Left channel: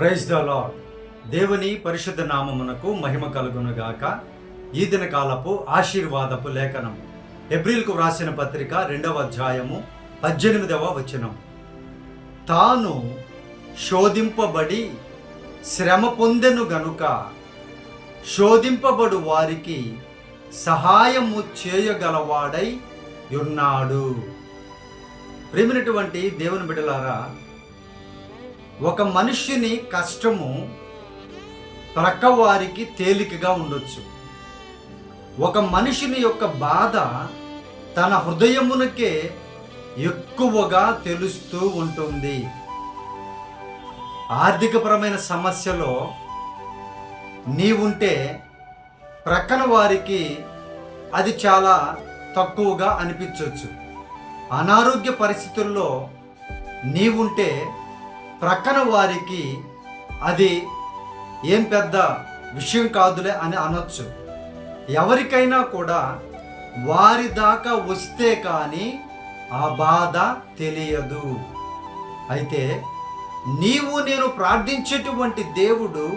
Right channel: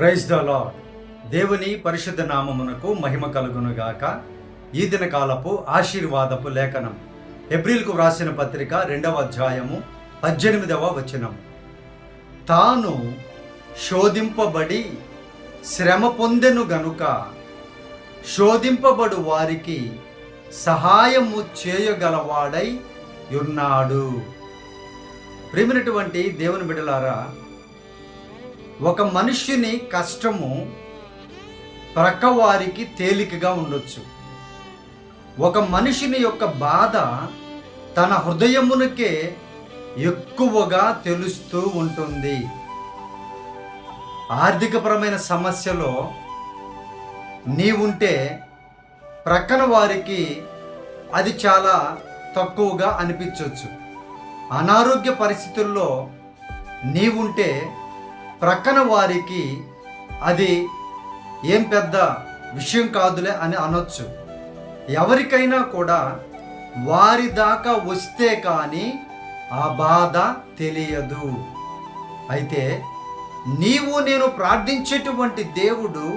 Praise the lord. దేవుని పరిశుద్ధ నామమునకు మహిమ కలుగునుగాక. ఈ దిన కాలపు ఆశీర్వాదపు లేఖనం హెబ్రీలకు వ్రాసిన పత్రిక 2వ అధ్యాయము 18వ వచనం. తాను శోధింపబడి శ్రమ పొందెను గనుక శోధింపబడు వారికి సహాయము చేయగలవాడై ఉన్నాడు. ప్రేమైనటువంటి దేవుని బిడ్డలారా, ఒక మనుష్యుని కష్టము ప్రక్కవారికి తేలికగా ఉండొచ్చు. ఒక మనిషిని యొక్క బాధ తన హృదయమునకే ఎక్కువగా తెలుస్తూ ఉంటుంది. ఆర్థికపరమైన సమస్యలో నీవుంటే ప్రక్కన వారికి అది చాలా తక్కువగా అనిపించవచ్చు. అనారోగ్య పరిస్థితుల్లో నీవుంటే ప్రక్కన వారికి అది ఏం పెద్ద విషయం కాదులే అని అనొచ్చు. ఎవరికైనా కూడా వారి దాకా వస్తే కానీ ఆ బాధ తెలియదు. అయితే నీవు నేను ప్రార్థించేటువంటి దేవుడు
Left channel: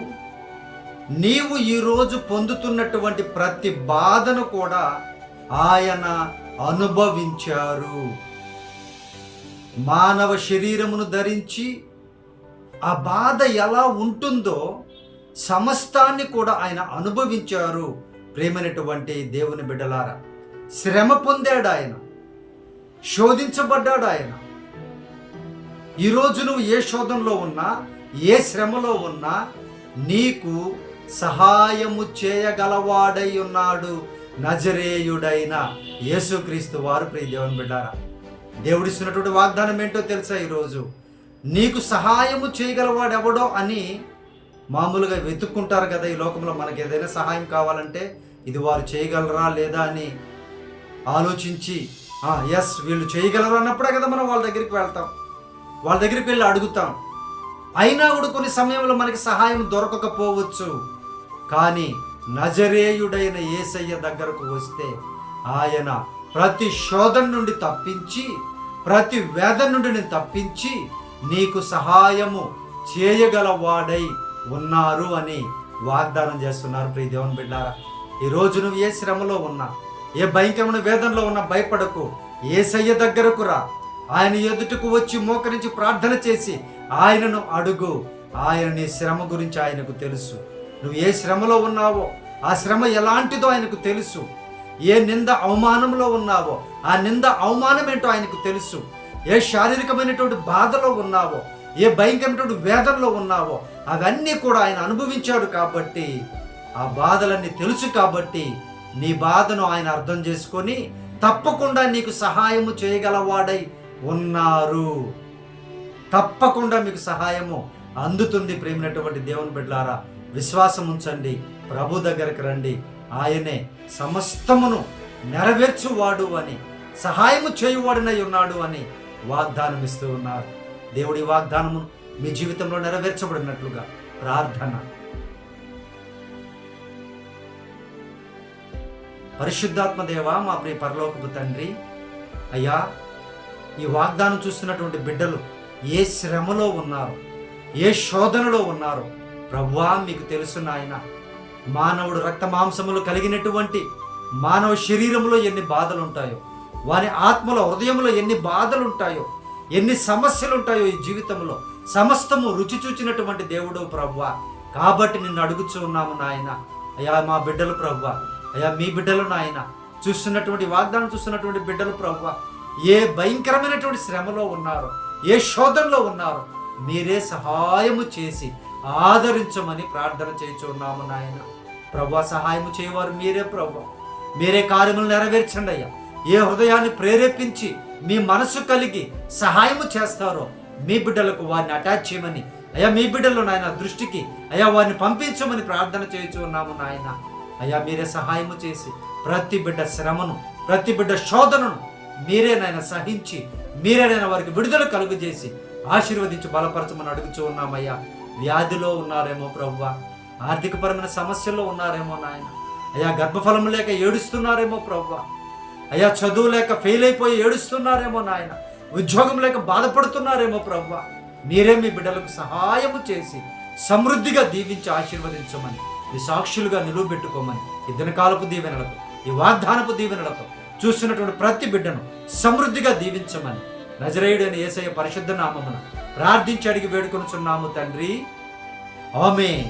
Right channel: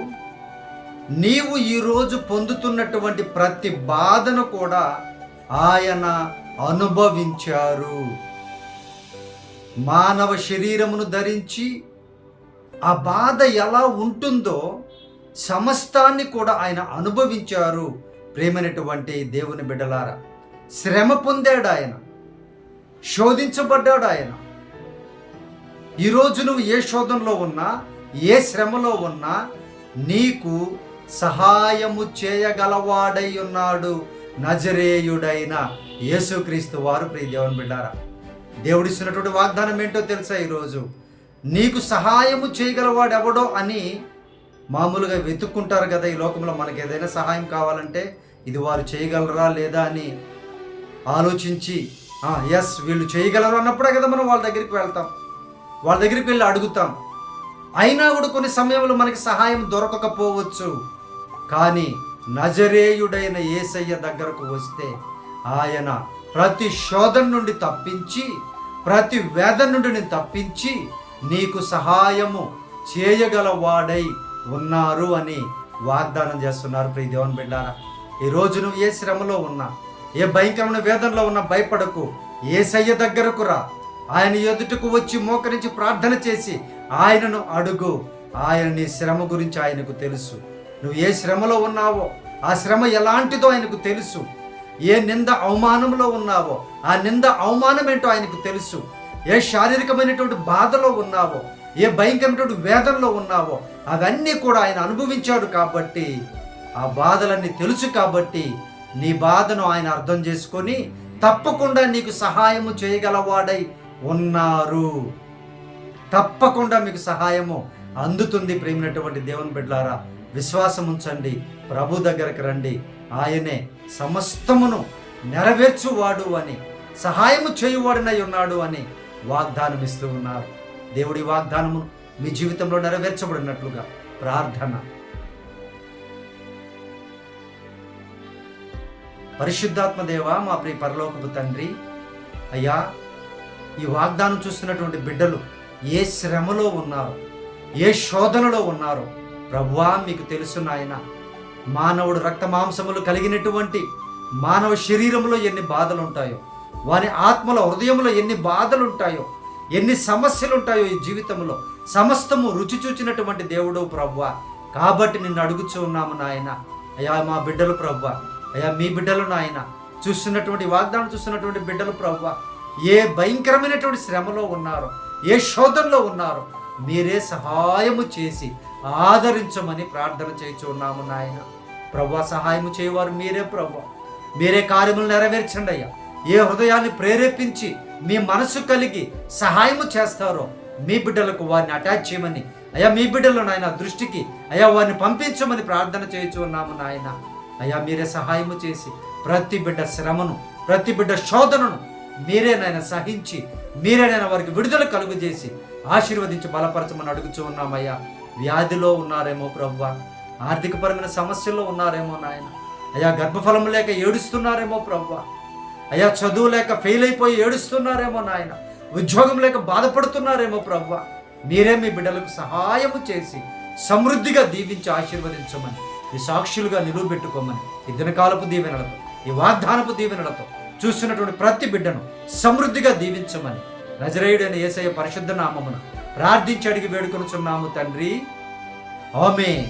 నీవు ఈరోజు పొందుతున్నటువంటి ప్రతి బాధను కూడా ఆయన అనుభవించారు. మానవ శరీరమును ధరించి ఆ బాధ ఎలా ఉంటుందో సమస్తాన్ని కూడా ఆయన అనుభవించారు. ప్రేమైనటువంటి దేవుని బిడ్డలారా, శ్రమ పొందాడు ఆయన, శోధించబడ్డాడు ఆయన. ఈరోజు నువ్వు ఏ శోధనలో ఉన్నా, ఏ శ్రమలో ఉన్నా నీకు సహాయము చేయగలవాడై ఉన్నాడు నజరేయుడైన యేసుక్రీస్తు వారు. ప్రియ దేవుని బిడ్డారా, దేవుడిస్తున్నటువంటి వాగ్దానం ఏంటో తెలుసా? ఈరోజు నీకు సహాయము చేయగలవాడు ఎవడో అని మామూలుగా వెతుక్కుంటారు కదా ఈ లోకంలో. మనకి ఏదైనా సహాయం కావాలంటే ఇది వారు చేయగలరా లేదా అని ఆలోచించి ఎస్ వీళ్ళు చేయగలరు అన్నప్పుడే కదా మనం వాళ్ళ దగ్గరికి వెళ్తాం, వాళ్ళ దగ్గరికి వెళ్ళి అడుగుతాం. అయినా కూడా కొన్ని సమయంలో మనకి సహాయం దొరకకపోవచ్చు. కానీ నజరేయుడైన యేసయ్య దగ్గరకు వస్తే ఆయన ప్రతి శోధన నుండి తప్పించి, ప్రతి వేదన నుండి నేను తప్పించి నీకు సహాయము చేయగలవాడై ఉన్నారు అని వాగ్దానం చేస్తున్నారు. ప్రియ దేవుని బిడ్డారా, ఈరోజు నువ్వు ఏ శ్రమలో ఉన్నా, ఏ భయంకరమైన వేదనలో ఉన్నా భయపడకు. యేసయ్య దగ్గరకు రా, ఆయన ఎదుటకు వచ్చి మోకరించి ప్రార్థన చేసి ఆయనను అడుగు. ఆయన నీ శ్రమ గురించి ఆయనకు తెలుసు. నువ్వు ఏ శ్రమలో ఉన్నావో ఆ శ్రమ ఎలాంటిదో ఆయనకు తెలుసు. ఏ నింద అవమానంలో ఉన్నావో ఆ నింద అవమానం ఏంటో ఆయనకు తెలుసు. ఏ శారీరకమైనటువంటి బాధలో ఉన్నావో, ఏ భయంకరమైనటువంటి వేదనలో ఉన్నావో అవన్నీ కూడా ఆయన అనుభవించాడు. కాబట్టి ఆ బాధలన్నీ తెలుసు. కాబట్టి నీ బాధను ఆయన అర్థం చేసుకొని తప్పకుండా నీకు సహాయము చేయగలవాడై ఉన్నారు. తప్పకుండా మీకు సహాయము అందుతుంది. ప్రేమైనటువంటి దేవుని బిడ్డలారా, విశ్వాసం ఉంచండి, ప్రభు దగ్గరికి రండి. ఆయనే సమస్తమును నెరవేర్చువాడు అని, సహాయము చేయువాడనై ఉన్నాడు అని వాగ్దానం ఇస్తూ ఉన్నారు. దేవుడి వాగ్దానమును మీ జీవితంలో నెరవేర్చబడినట్లుగా ప్రార్థన. పరిశుద్ధాత్మ దేవా, మా ప్రియ పరలోకపు తండ్రి, అయ్యా, ఈ వాగ్దానం చూస్తున్నటువంటి బిడ్డలు ఏ శ్రమలో ఉన్నారు, ఏ శోధనలో ఉన్నారు ప్రభువా మీకు తెలుసు నాయన. మానవుడు రక్త మాంసములు కలిగినటువంటి మానవ శరీరంలో ఎన్ని బాధలు ఉంటాయో, వాని ఆత్మలో హృదయంలో ఎన్ని బాధలు ఉంటాయో, ఎన్ని సమస్యలు ఉంటాయో ఈ జీవితంలో సమస్తము రుచి చూచినటువంటి దేవుడు ప్రభువా. కాబట్టి నిన్ను అడుగుచూ ఉన్నాము నాయన. అయ్యా మా బిడ్డలు ప్రభువా, అయ్యా మీ బిడ్డలు నాయన, చూస్తున్నటువంటి వాగ్దానం చూస్తున్నటువంటి బిడ్డలు ప్రభువా, ఏ భయంకరమైనటువంటి శ్రమలో ఉన్నారో, ఏ శోధనలో ఉన్నారో మీరే సహాయము చేసి ఆదరించమని ప్రార్థన చేయించు ఉన్నాము నాయన. ప్రభువా, సహాయము చేయవారు మీరే ప్రభువా. మీరే కార్యములు నెరవేర్చండి అయ్యా. ఏ హృదయాన్ని ప్రేరేపించి మీ మనసు కలిగి సహాయము చేస్తారో మీ బిడ్డలకు వారిని అటాచ్ చేయమని అయ్యా, మీ బిడ్డలు నాయన దృష్టికి అయ్యా వారిని పంపించమని ప్రార్థన చేయించు ఉన్నాము నాయన. అయ్యా మీరే సహాయము చేసి ప్రతి బిడ్డ శ్రమను, ప్రతి బిడ్డ శోధనను మీరే నాయన సహించి, మీరే నాయన వారికి విడుదల కలుగు చేసి ఆశీర్వదించి బలపరచమని అడుగుచూ ఉన్నామయ్యా. వ్యాధిలో ఉన్నారేమో ప్రభువా, ఆర్థికపరమైన సమస్యల్లో ఉన్నారేమో నాయన. అయ్యా గర్భఫలం లేక ఏడుస్తున్నారేమో ప్రభువా. అయ్యా చదువు లేక ఫెయిల్ అయిపోయి ఏడుస్తున్నారేమో నాయన. ఉద్యోగం లేక బాధపడుతున్నారేమో ప్రభువా. మీరే మీ బిడ్డలకు సహాయము చేసి సమృద్ధిగా దీవించి ఆశీర్వదించమని, ఈ సాక్షులుగా నిలువబెట్టుకోమని, ఈ దినకాలపు దీవెనలతో, ఈ వాగ్దానపు దీవెనలతో చూస్తున్నటువంటి ప్రతి బిడ్డను సమృద్ధిగా దీవించమని నజరేయుడైన యేసయ్య పరిశుద్ధ నామమున ప్రార్థించి అడిగి వేడుకొనుచున్నాము తండ్రి. ఆమేన్.